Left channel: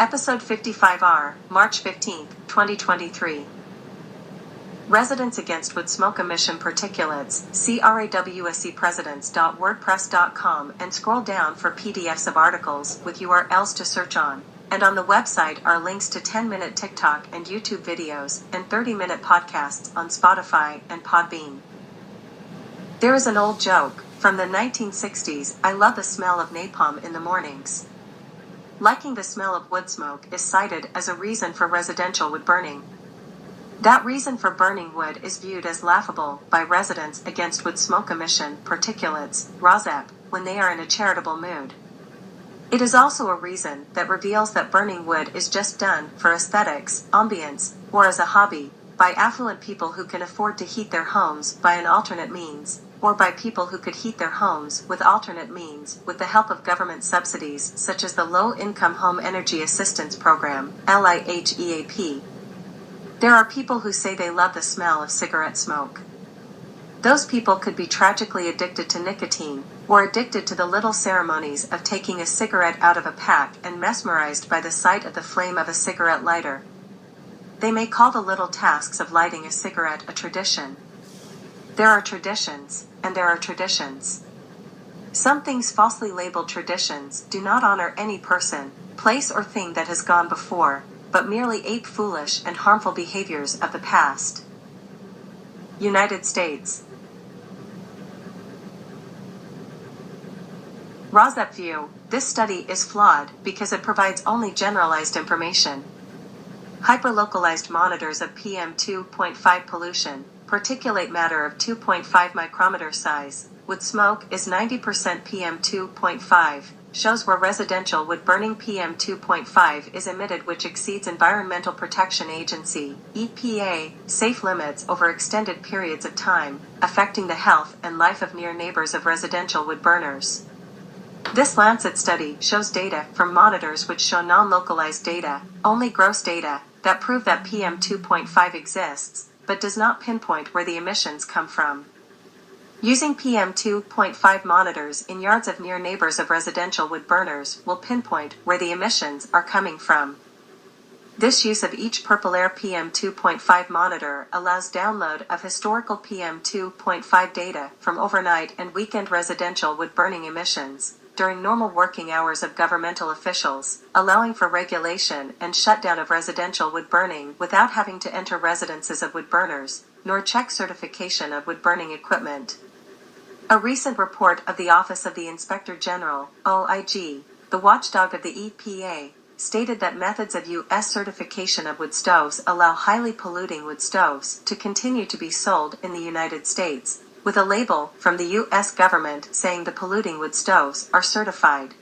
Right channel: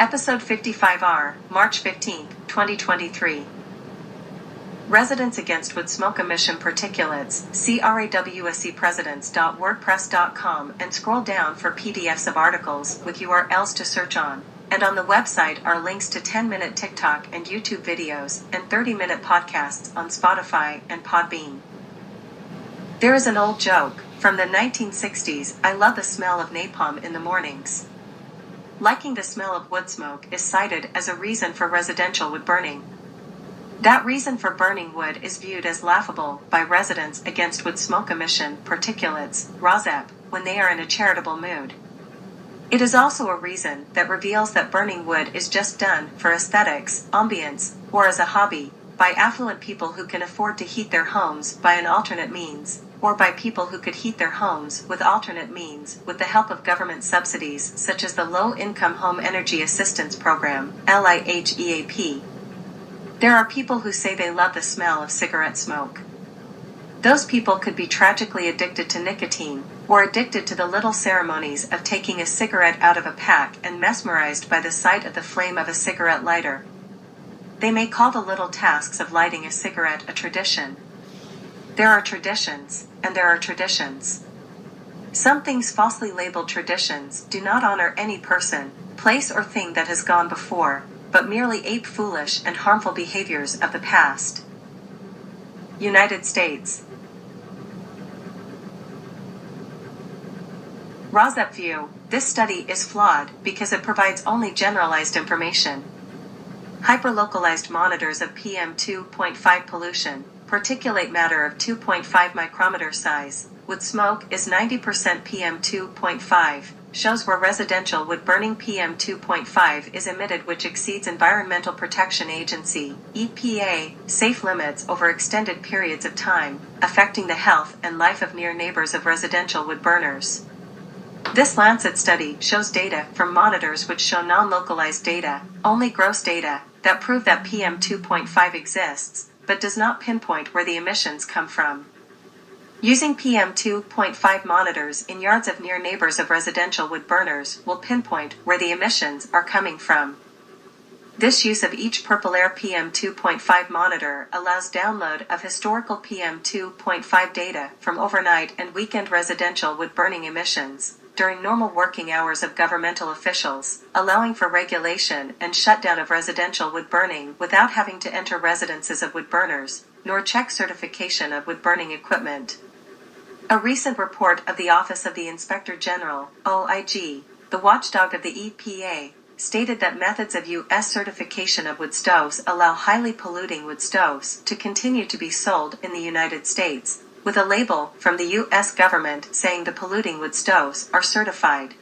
Episode 55R, March 15, 2023. Residents Against Wood Smoke Emission Particulates, CRAWSEpresidents.wordpress.com, and scroll down for PDFs of articles with URLs to search on. And on the website are links to 10-minute TikTok and YouTube videos and 30-minute podcasts on Spotify and Podbean. There is an old joke from the 1960s, I love the smell of napalm in the mornings. Liking the smell of wood smoke is cited as a reason for residential wood burning. That reason for burning wood is viewed as laughable by Residents Against Wood Smoke Emission Particulates, RAWSEP, when they are in a charitable mood. It is also a reason that reveals that burning wood is just done for aesthetics, ambience, or as a hobby, by affluent people who can afford to heat their homes by an alternate means, or by people who could heat their homes with alternate means with the help of government subsidies such as the Low-Income Home Energy Assistance Program, LIHEAP. There are people who say they love the smell of cigarette smoke. Those people could be tragically addicted to nicotine, or addicted to the little ceremonies of taking a cigarette out of a pack and mesmerized by the sight of the flame of a cigarette lighter. They may call the little tasks of lighting a cigarette a tradition. There are traditions, and there are traditions. Some things falsely labeled traditions do not honor any person, place or thing that has gone before, but merely ape foolish and harmful behaviors of the past. United States. RAWSEP view, this study is flawed because it provides only generalized information. Hyperlocalized monitors of PM 2.5 pollution, particulate matter of 2.5 micrometer size, wood smoke is 90% PM 2.5, shows where residential wood burning PM 2.5 is emitted, which exceeds Environmental Protection Agency, EPA, safe limits over extended periods of time, affecting the health and life of near neighbors of residential wood burners. This Lancet study shows data from monitors which show non-localized data, only gross data, that prove that PM 2.5 exists, but does not pinpoint where the emissions come from. Using PM 2.5 monitors in yards of near neighbors of residential wood burners will pinpoint where the emissions are coming from. This use of each Purple Air PM 2.5 monitor allows download of historical PM 2.5 data from overnight and weekend residential wood burning emissions during normal working hours of governmental officials, allowing for regulation and shutdown of residential wood burning without having to enter residences of wood burners, nor check certification of wood burning equipment. A recent report of the Office of the Inspector General, OIG, the watchdog of the EPA, stated that methods of U.S. certification of wood stoves allow highly polluting wood stoves to continue to be sold in the United States, with a label from the U.S. government saying the polluting wood stoves are certified.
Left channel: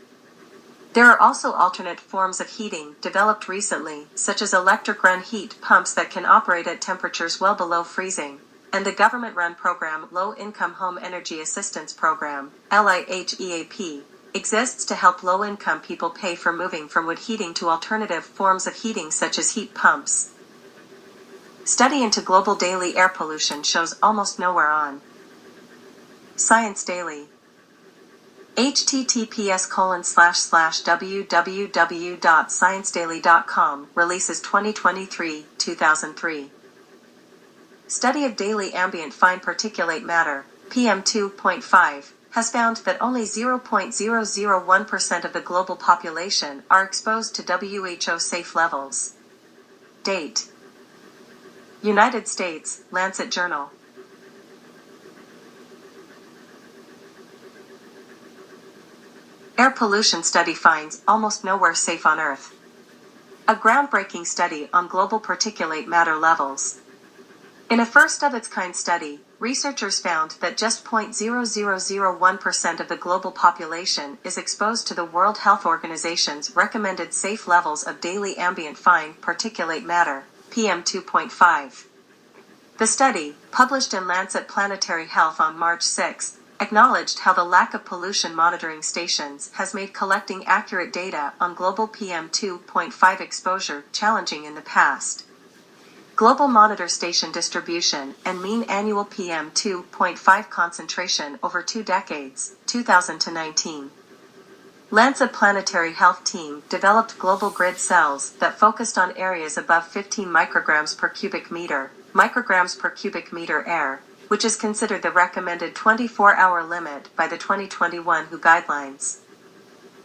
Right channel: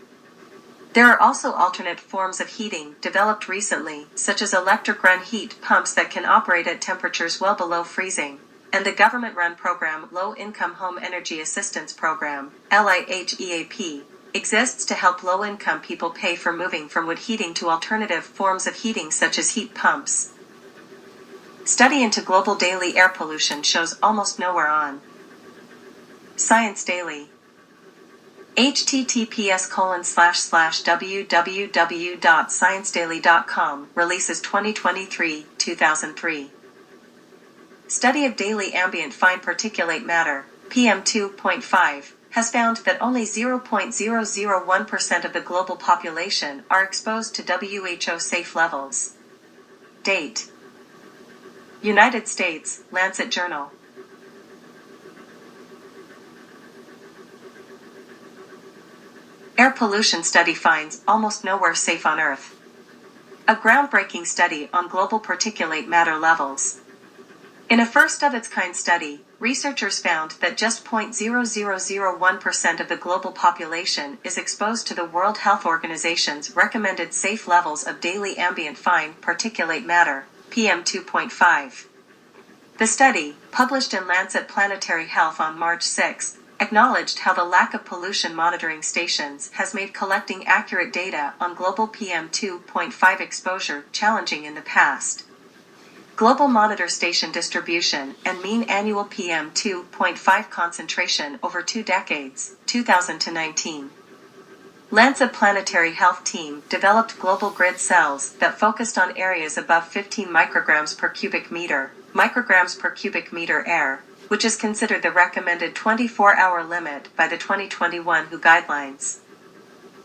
There are also alternate forms of heating developed recently, such as electric-run heat pumps that can operate at temperatures well below freezing, and the government-run program Low-Income Home Energy Assistance Program, LIHEAP, exists to help low-income people pay for moving from wood heating to alternative forms of heating such as heat pumps. Study into global daily air pollution shows almost nowhere on Science Daily. https://www.sciencedaily.com releases 2023-2003. Study of daily ambient fine particulate matter, PM 2.5, has found that only 0.001% of the global population are exposed to WHO safe levels. Date: United States, Lancet Journal. Air pollution study finds almost nowhere safe on Earth. A groundbreaking study on global particulate matter levels. In a first-of-its-kind study, researchers found that just 0.0001% of the global population is exposed to the World Health Organization's recommended safe levels of daily ambient fine particulate matter, PM 2.5. The study, published in Lancet Planetary Health on March 6, acknowledged how the lack of pollution monitoring stations has made collecting accurate data on global PM 2.5 exposure challenging in the past. Global monitor station distribution and mean annual PM 2.5 concentration over 2 decades, 2000 to 19. Lancet Planetary Health team developed global grid cells that focused on areas above 15 micrograms per cubic meter air, which is considered the recommended 24-hour limit by the 2021 WHO guidelines.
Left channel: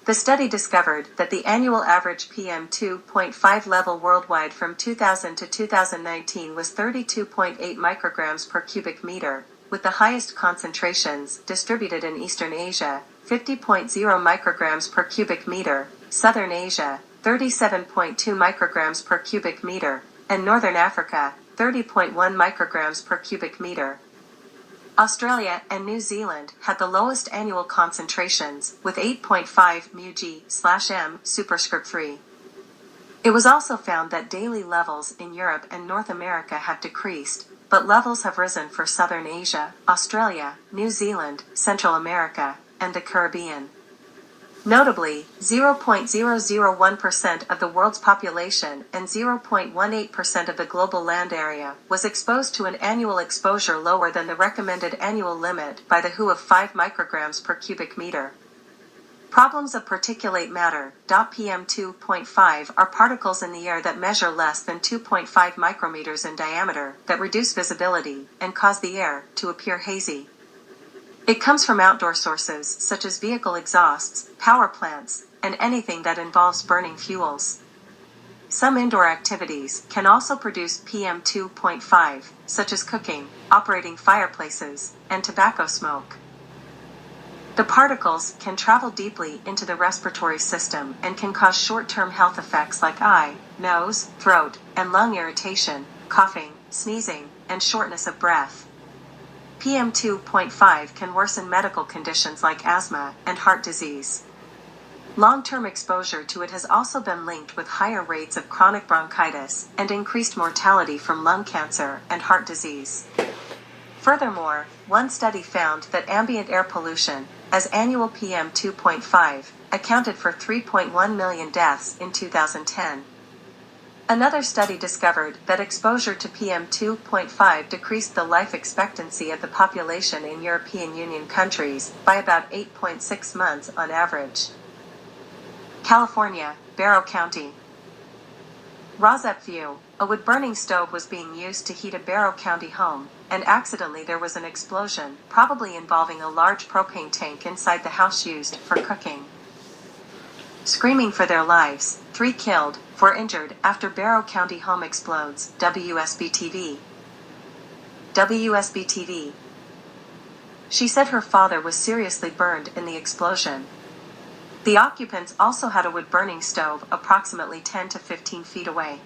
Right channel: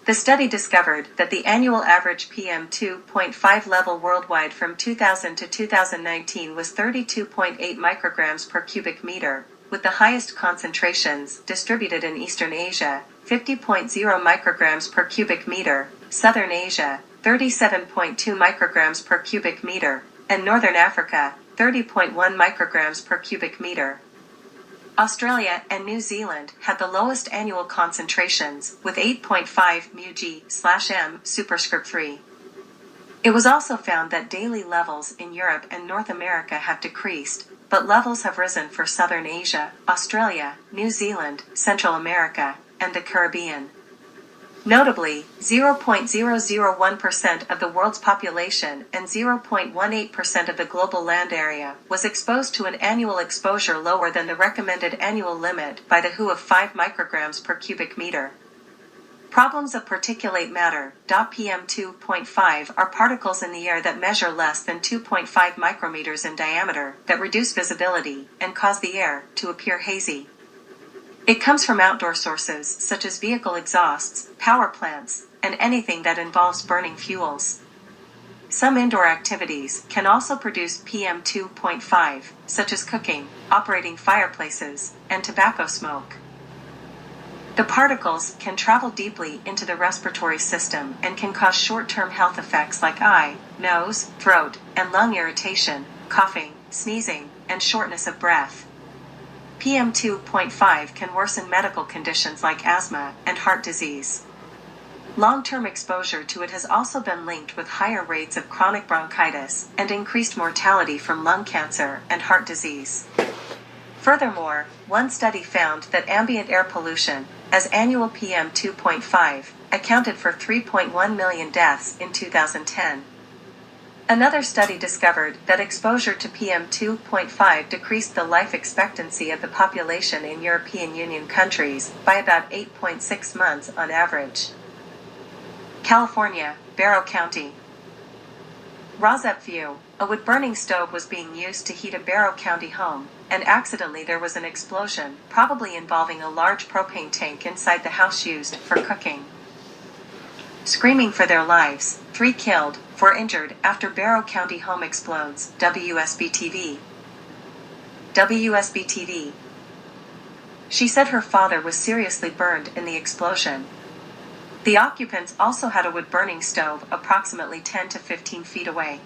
The study discovered that the annual average PM2.5 level worldwide from 2000 to 2019 was 32.8 micrograms per cubic meter, with the highest concentrations distributed in Eastern Asia, 50.0 micrograms per cubic meter, Southern Asia, 37.2 micrograms per cubic meter, and Northern Africa, 30.1 micrograms per cubic meter. Australia and New Zealand had the lowest annual concentrations, with 8.5 μg/m superscript 3. It was also found that daily levels in Europe and North America have decreased, but levels have risen for Southern Asia, Australia, New Zealand, Central America, and the Caribbean. Notably, 0.001% of the world's population and 0.18% of the global land area was exposed to an annual exposure lower than the recommended annual limit by the WHO of 5 micrograms per cubic meter. Problems of particulate matter, PM2.5, are particles in the air that measure less than 2.5 micrometers in diameter that reduce visibility and cause the air to appear hazy. It comes from outdoor sources such as vehicle exhausts, power plants, and anything that involves burning fuels. Some indoor activities can also produce PM2.5, such as cooking, operating fireplaces, and tobacco smoke. The particles can travel deeply into the respiratory system and can cause short-term health effects like eye, nose, throat, and lung irritation, coughing, sneezing, and shortness of breath. PM2.5 can worsen medical conditions like asthma and heart disease. Long-term exposure to it has also been linked with higher rates of chronic bronchitis and increased mortality from lung cancer and heart disease. Furthermore, one study found that ambient air pollution, as annual PM2.5, accounted for 3.1 million deaths in 2010. Another study discovered that exposure to PM2.5 decreased the life expectancy of the population in European Union countries by about 8.6 months on average. California, Barrow County. Rosette View, a wood-burning stove was being used to heat a Barrow County home, and accidentally there was an explosion, probably involving a large propane tank inside the house used for cooking. Screaming for their lives, 3 killed, 4 injured after Barrow County home explodes, WSB-TV. WSB-TV. She said her father was seriously burned in the explosion. The occupants also had a wood-burning stove approximately 10 to 15 feet away.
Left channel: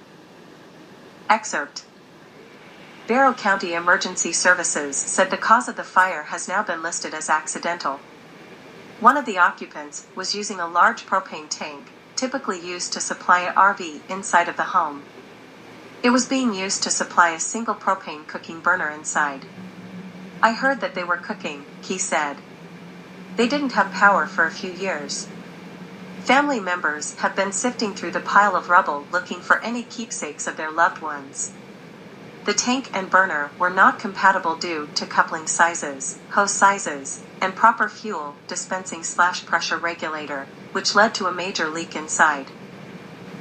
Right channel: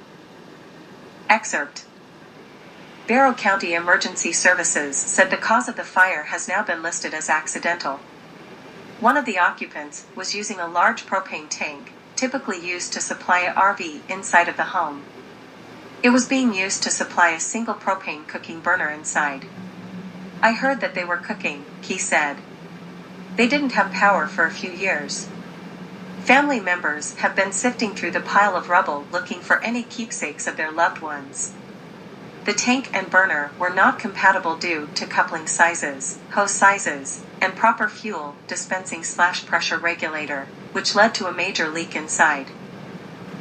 Excerpt. Barrow County Emergency Services said the cause of the fire has now been listed as accidental. One of the occupants was using a large propane tank, typically used to supply an RV inside of the home. It was being used to supply a single propane cooking burner inside. I heard that they were cooking, he said. They didn't have power for a few years. Family members have been sifting through the pile of rubble looking for any keepsakes of their loved ones. The tank and burner were not compatible due to coupling sizes, hose sizes, and proper fuel dispensing/pressure regulator, which led to a major leak inside.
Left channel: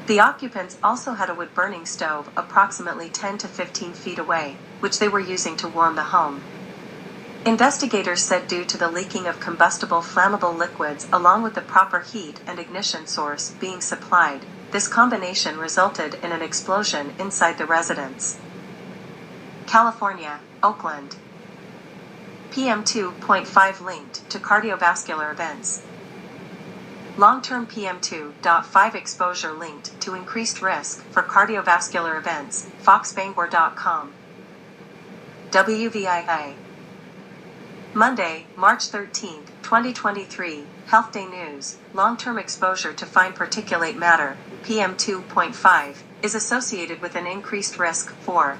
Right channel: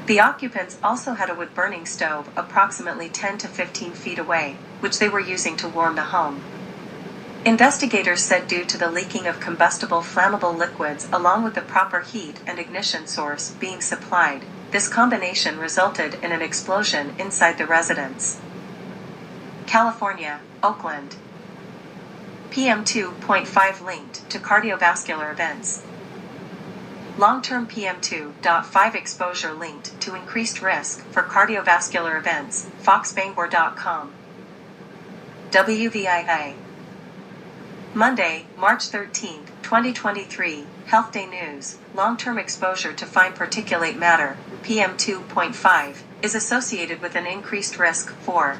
The occupants also had a wood-burning stove approximately 10 to 15 feet away, which they were using to warm the home. Investigators said due to the leaking of combustible flammable liquids along with the proper heat and ignition source being supplied, this combination resulted in an explosion inside the residence. California, Oakland. PM2.5 linked to cardiovascular events. Long-term PM2.5 exposure linked to increased risk for cardiovascular events, foxbangor.com. WVII. Monday, March 13, 2023, Health Day News. Long-term exposure to fine particulate matter, PM2.5, is associated with an increased risk for